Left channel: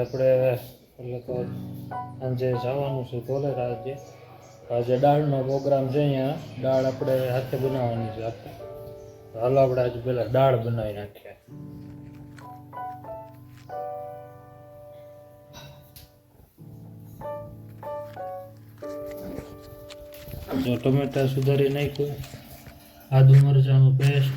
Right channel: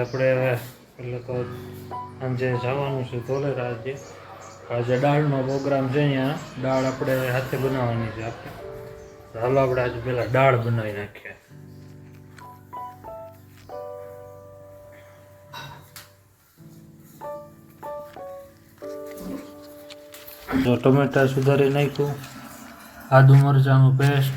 આપણે એટલે તો સાંજે જવાનું છે ધોલેરા. આજે દાળનો પ્રોગ્રામ છે. અહીંયા દાળ આપણે હાથે બનાવવાની છે આપણે. હાલો આપણે આજે પહેલાં દાળ બનાવી નાખીએ. જો ટમેટા સુધારી નાખ્યું, આદુ મરચાંનું પેસ્ટ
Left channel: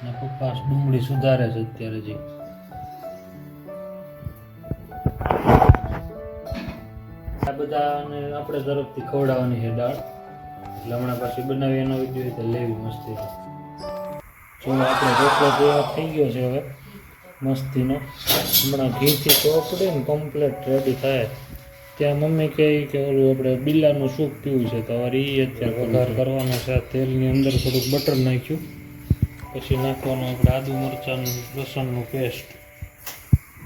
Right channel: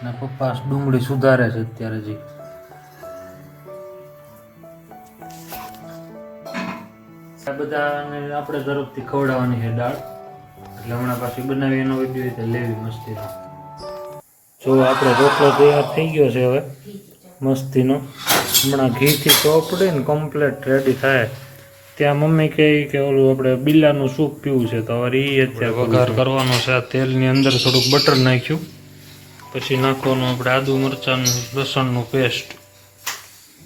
અને પપ્પા ડુંગળી સુધારે છે અત્યારે. જી આ બધાને આપણે તરફથી ખવડાવવાની છે દાળ, એટલે હમણાં પાછી બનાવી એનો વિડીયો રીતે લેવી મસ્તીનો. જો આપણે રોટલો તૈયાર થઈ ગયો છે હવે મસ્તીનો. હમણાં ઘીથી ચોપડે ને કમ્પ્લેટ રેડી થાય ત્યાં મમ્મી કહે કે ઓલું આપણે બિલાનું સૂપ પીવું છે, તો હવે એ અત્યારે વઘાર કરવાનો છે. આ તેલની અંદર થોડુંક બટર નાખ્યું, પછી નાખવાનું આપણે આદુ મરચાંનું લસણનું પેસ્ટ,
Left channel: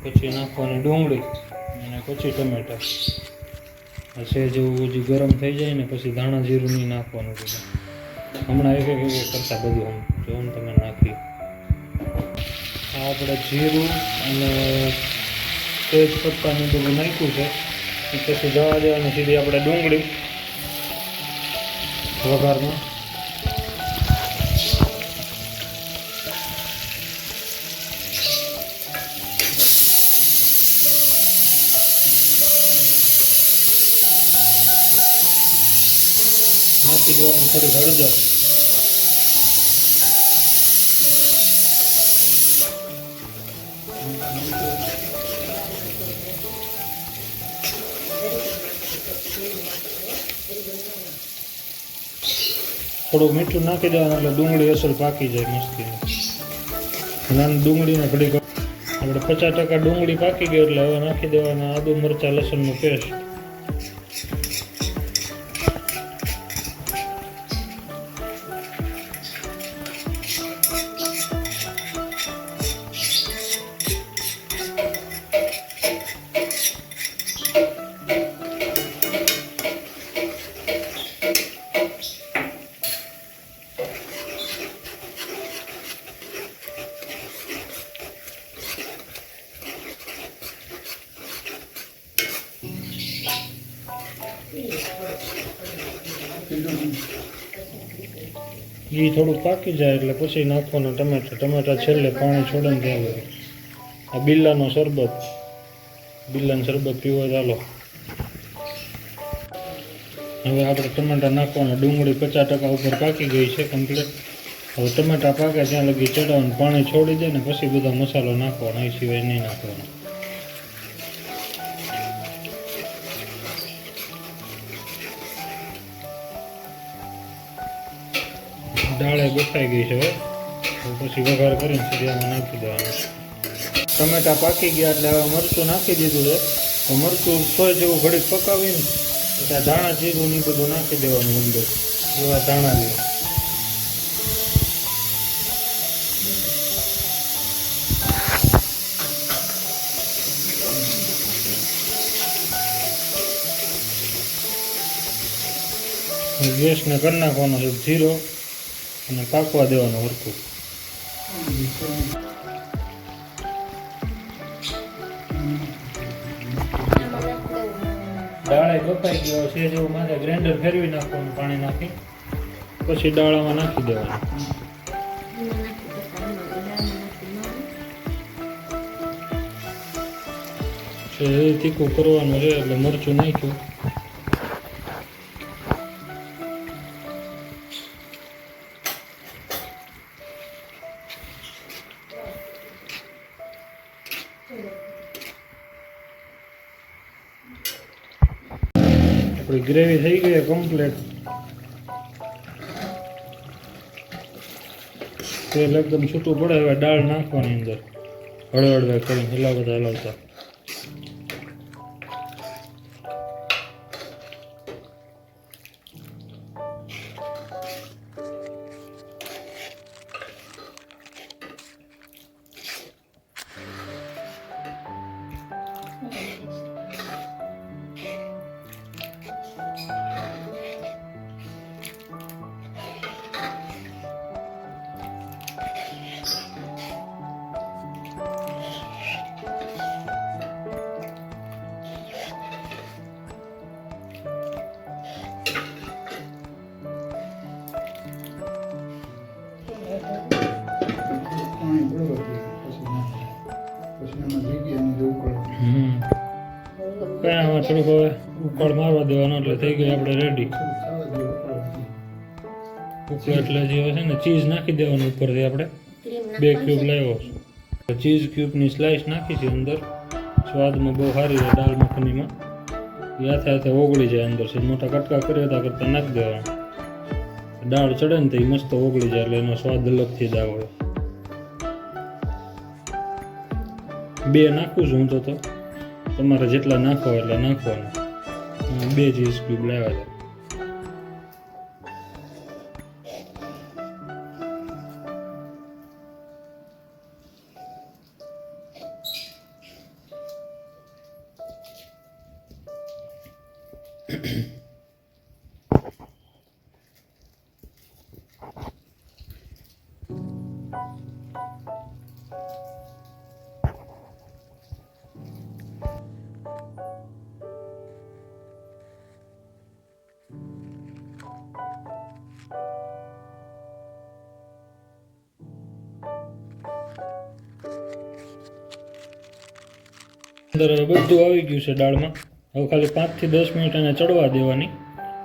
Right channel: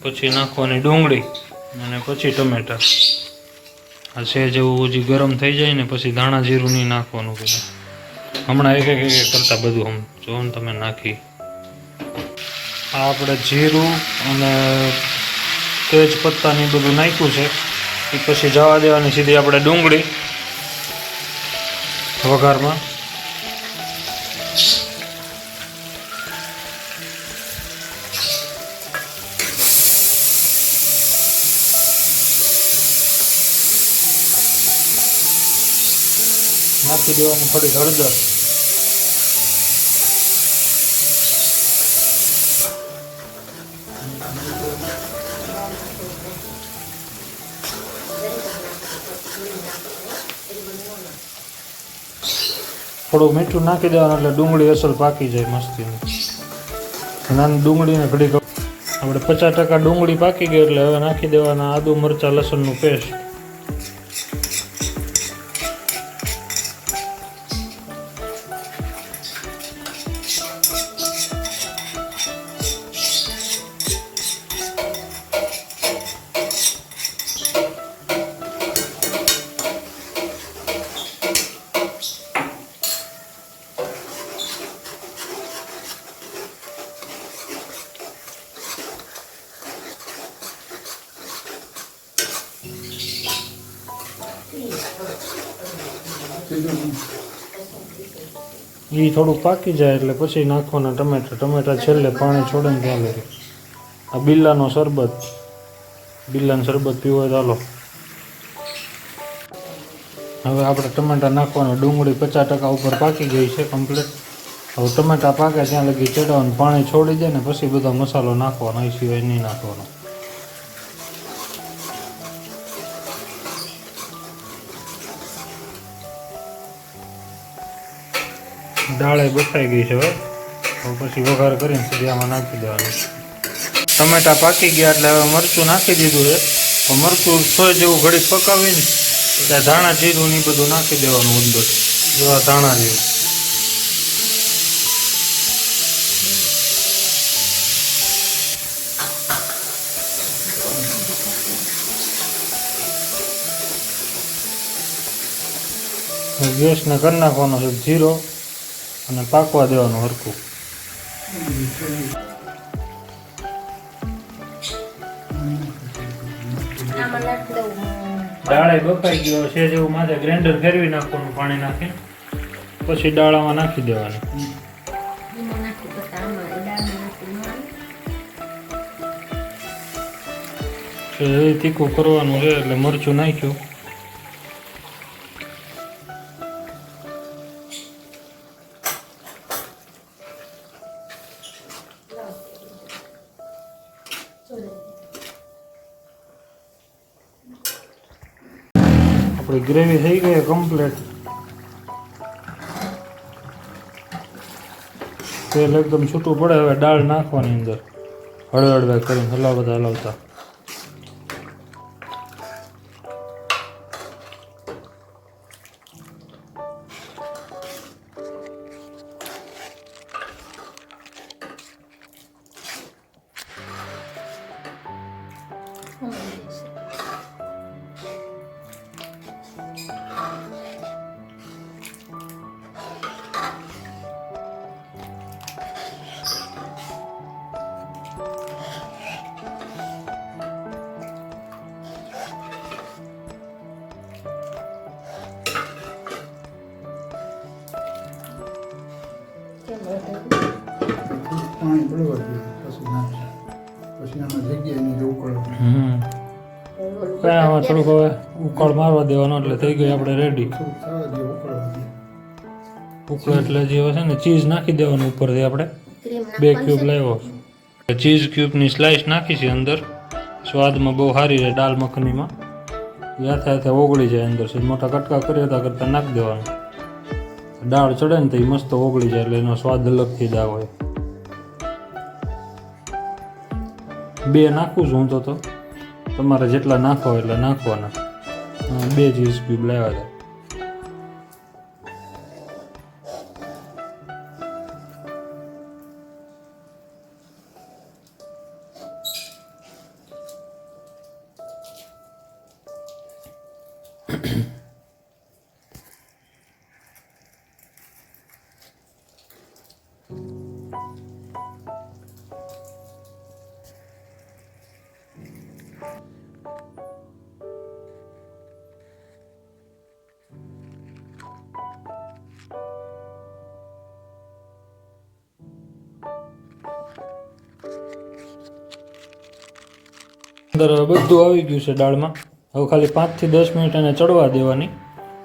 પછી નાખવાની ડુંગળી અને પછી ટમેટા. આ છે જેવું હજી ગરમ થઈ જાય ને પછી ધાણા જીરું નહીં નાખવાનું બધું. હમણાં એક એક કરતાં બધું આમ જો ને તમે નાખી. આ આપણે જીરું અને તેજ પત્તાની બધું નાખ્યું છે. પછી જવા દેવાની સીધી આપણે ડુંગળી વઘારમાં. નાખી દેવાની થોડી હળદર. થોડું મીઠું નાખી દેવાનું એટલે ડુંગળી અસલ પાકી જાય મસ્તીની. નાની ડુંગળીને ઘડી આપણે 50% ડુંગળી પાકી ગઈ એટલે હવે નાખી દેવાના આદુ મરચાં લસણનું પેસ્ટ. એ થોડુંક પાકી જાય એટલે પછી નાખવાના ટમેટા. ટમેટા છેલ્લે પાણી છોડે ને ત્યાં લગે. આ બિલ્લાનું શરબત પીવો હોય તો હાલો. હવે આપણે ટમેટા નાખવાના. ડુંગળી 50% ઉપર પાકી ગઈ છે કમ્પ્લીટ. હવે ટમેટા પાકે ત્યાં લગી ચડાવવાનું, પાણી છોડી દે ને પછી બધો મસાલો નાખવાનો, એ સિવાય નહીં નાખવાનો. દાળે બફાઈ ગઈ છે હવે પછી વઘાર કરીને સીધી આમાં નાખી દેવાનું. ટમેટા પાકી ગયા એટલે હવે મરચું નાખી દીધું છે. તો મરચું સોય જેવું ઘડીક પકાવીને ત્યાં ધાણા જીરું ને બધું નાખી દેવાનું અંદર. જેવા ધાણા જેવું ગેસને કરી નાખવાનો છે જીરો અને પાકવા દેવાનું હરખું. દાળે બફાઈ ગયો છે જેવું માથે ગ્રાઇન્ડર ફેરવી નાખવાનું પાણી નાખી, પછી દાળામાં નાખી દેવાનું. તીખું કરવાનું છે એટલે મરચું નાખ્યું. આપણી ગ્રેવી થઈ ગઈ કમ્પ્લીટ. તેલ એકદમ છૂટું પડે. હવે દાળ નાખવાની અંદર હળવે કરીને હલાવતા. ચડવા દઈએ પછી નાખીએ પછી આમાં જગ્યાએ નહીં ઉકળો કઈ આમાં થોડુંક હવે ઉકાળ મારવા દેવાનો એટલે થઈ ગઈ આપણે રેડી. થોડુંક થવા દઈએ ઉકળવા દઈએ ઉકળો એટલે જે છે ને ચીઝ નાખી દેવાનું ઉપરથી. આપણે 2 ક્યુબ લાવ્યો ચીઝ ક્યુબની સ્લાઇસ નાખી છે અંદર. સ્વાદમાં બહુ સારી રહે દાલ મખનીમાં. હાથે હાથે ઓગળી જાય અંદર છે. મોટા કટકા કરી હતા કરતાં નાખી દેવાનું. દાળ ચડે ને તો એ મસ્ત ઓગળી જાય એટલે એનો સ્વાદ અલગથી જ આવે. 2 નાખું છું હું તો તમારે જેટલા નાખો એટલે નાખવાના. 2 ચીઝ ક્યુબ લાવ્યા હતા. અંદર બધું આવી ગયું છે દાળમાં. હવે ખાલી 5 થી 10 મિનિટ એને ચડવા દેવાની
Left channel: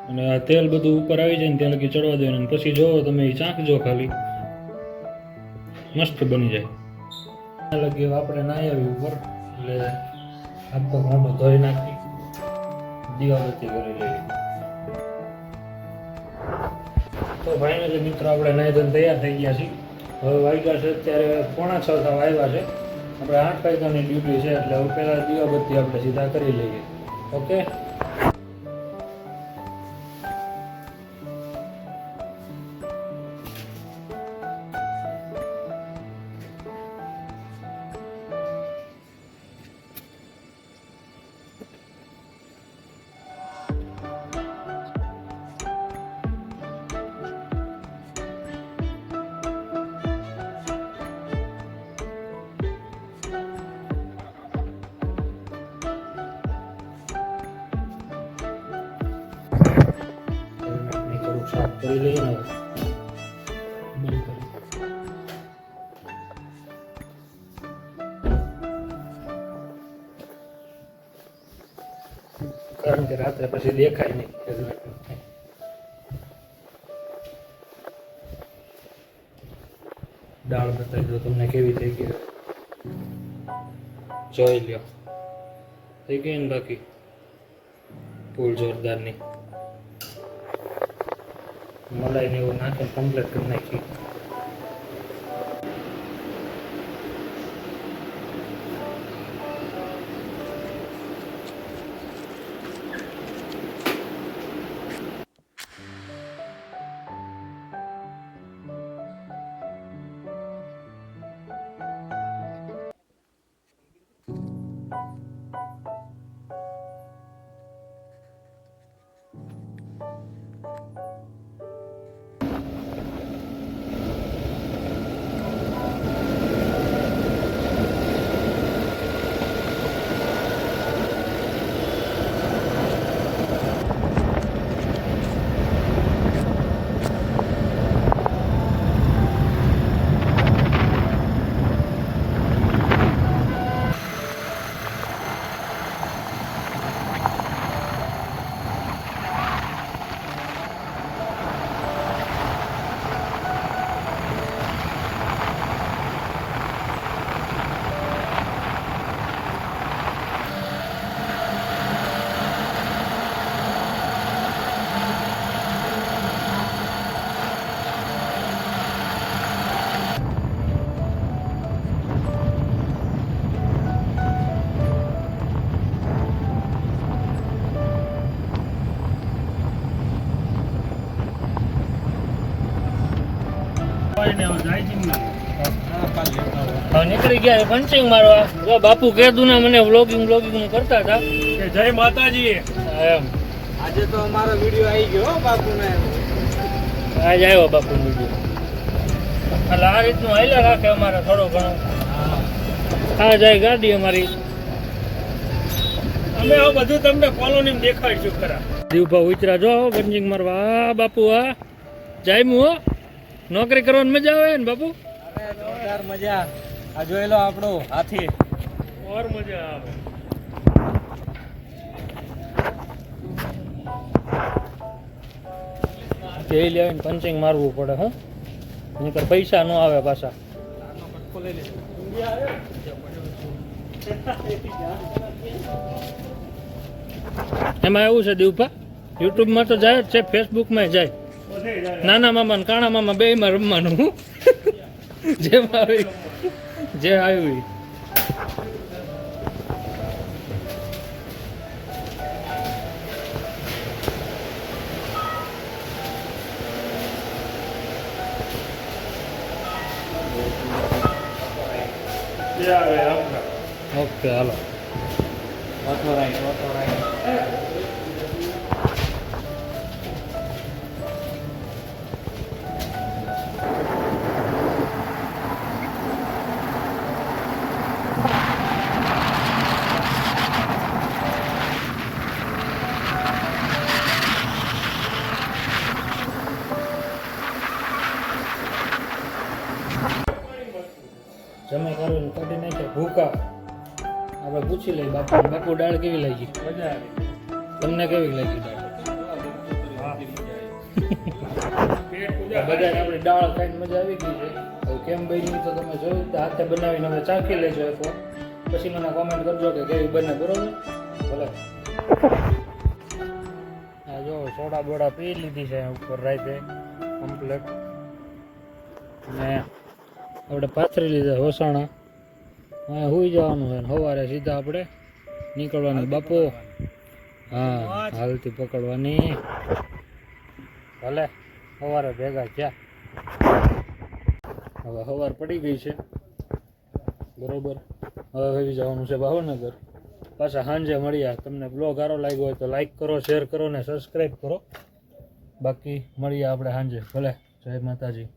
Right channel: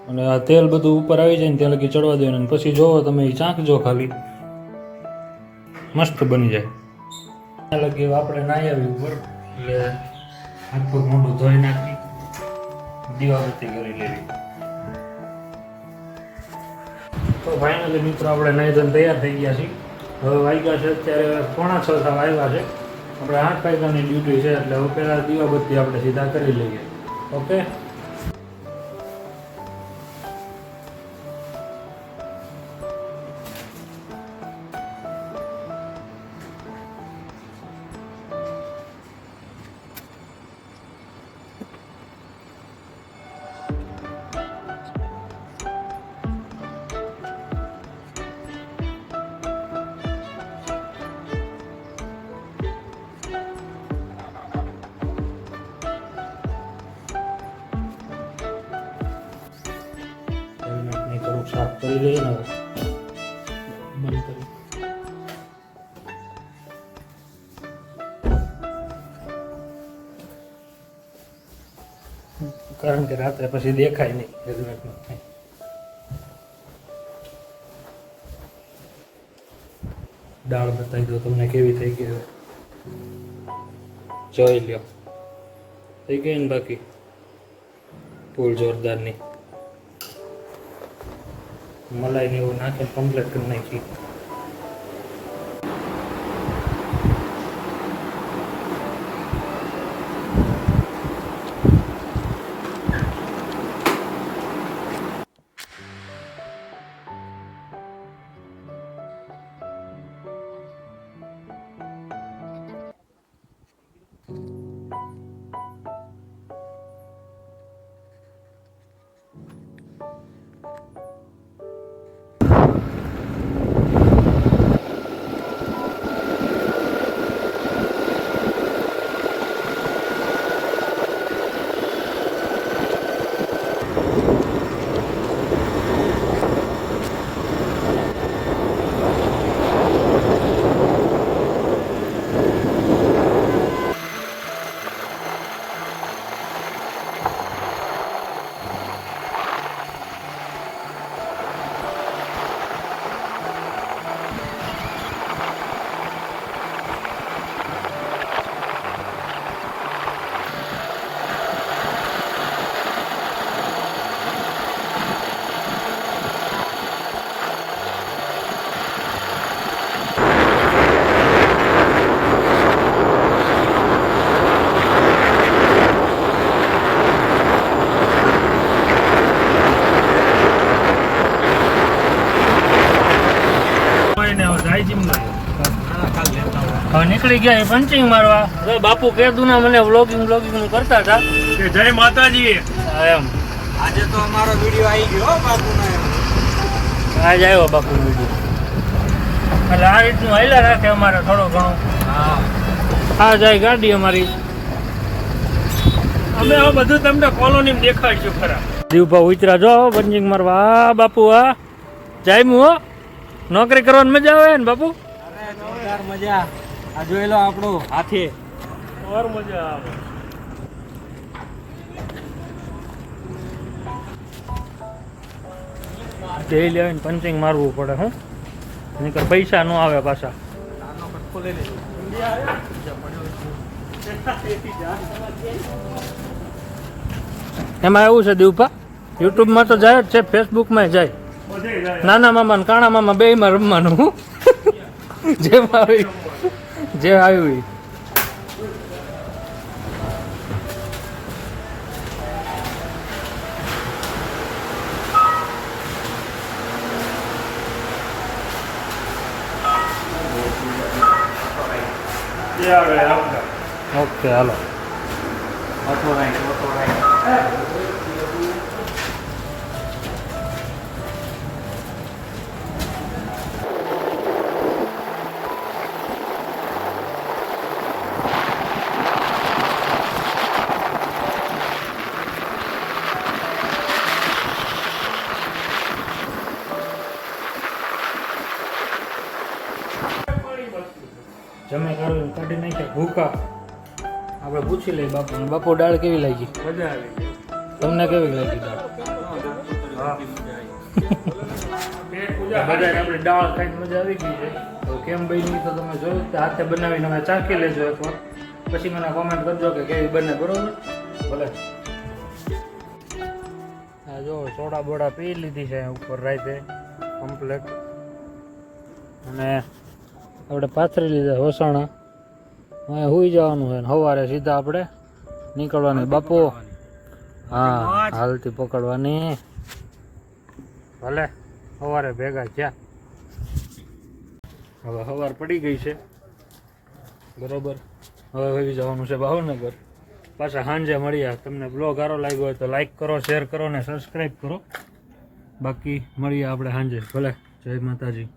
અને આ તેલ બધું ઉપર આવી જાય ને ત્યાં લગી ચડવા દેવાનું. પછી જોવો તમે એ ચાખજો ખાલી મસ્ત બની જાય. ત્યાં લગી આપણે નાહી આવી ઉપર એટલે હાથ પગ મોઢું ધોઈ નાખી દીવાબત્તી કરી લેવી. તો ફાઇનલી મિત્રો આપણે નાહી ધોઈને તૈયાર થઈ ગયા છીએ. હવે વાગ્યા છે અત્યારે 5:45 થવા આવ્યા છે. આપણે 8 વાગ્યાની ડ્યુટી છે એટલે હવે પહેલાં દીવાબત્તી આપણે સીધા કરી લઈએ. ઓકે સાફ કરી લઈએ ને બંધ કરી. કારણ કે રાત્રે પછી દેખાય નહીં હેલ્મેટમાં. દાળ બતાવી દો તમને કેવી થઈ ગઈ. જોઈ લ્યો થઈ ગઈ ને બાકી ફૂલ જોરદારની. મલાઈ ને એવું નાખીને કમ્પ્લીટ કરી નાખી. હવે નીકળી ગયા પંચિંગ મારવા. જો બાપુ કેદુના મને વ્લોગિંગ નું કરતા હતા. જય માતાજી. એમ આજે તો અમારો વિડિયો આવી ગયો બાપુનો. આજે આવ્યો બાપુ વિડિયો. એટલે આ રીતનું હાલ્યા રાખે અમારે થોડો ઘણો. આ જાય ગાડી અમારી. અમે હવે બધું તમને કોલોની દેખાડશું ખરા. દીવભા ઉતરા જો પંચિંગ મારવા. આ બાપુ આ જાયમું હો. નોકરી કરવાની મજા આવે ને બાપુ. યાર મજા. આ જોઈ લો આપણો હાથી. ઓર મજા આવે. જઈ લેવીને પંચિંગ મારવું પડે હો, નહીંતર પૈસા ન આવે પાછા. આનો કટકો લઈ લેજો. ઇન્ડિયા આવે એમાં એવું છે દીવપા, યુટ્યુબમાં તો જાય જ છે, ફેસબુકમાં જાય. નાના મામા ને કાણા મામા બેયમાં રમવાનું. હું જેમાં આવ્યું જે આવ્યું ઈ. ઓકે હાલો. Auto ride. જમે કાઢી નાખ્યા ભૂકા. આપણે પૂછી લઈએ બાપુ. બાપુ દાળ કેવી લાગી? મજા આવી. તમને કેવી લાગી દાળ? બધાને આપણે દાળ ખાઈને મજા આવી ગઈ છે. હવે કેમ બની તો તમે જોયું, હાથે બનાવીને અમે ચાખી લેજો એકવાર, પછી મને કોમેન્ટ કરજો કે કેવી બને. બરોબર? ભલે. હા જો સોડા બોડા પી લીધી છે ઉપર રાતે કમ્પ્લેટ, અને આપણે પાથરી લીધા વસાણા. અહીંયા સુઈ જવાનું છે ને સવારે સીધા આપણે નીકળવાનું. બાપુ હા હાલતી પકડવાની. ભલે સવારે ભેગા થયા. હવે સવાર પડી ગઈ છે બરોબર. હવે વહી જવાનું છે ભાવનગર. પાછા સાંજે મળ્યા. તમને બ્લોગ સારો લાગ્યો હોય તો લાઈક કરો, શેર કરો ને સબસ્ક્રાઈબ કરો. બાકી મળીએ આપણે સાંજે. ભલે. જય માતાજી.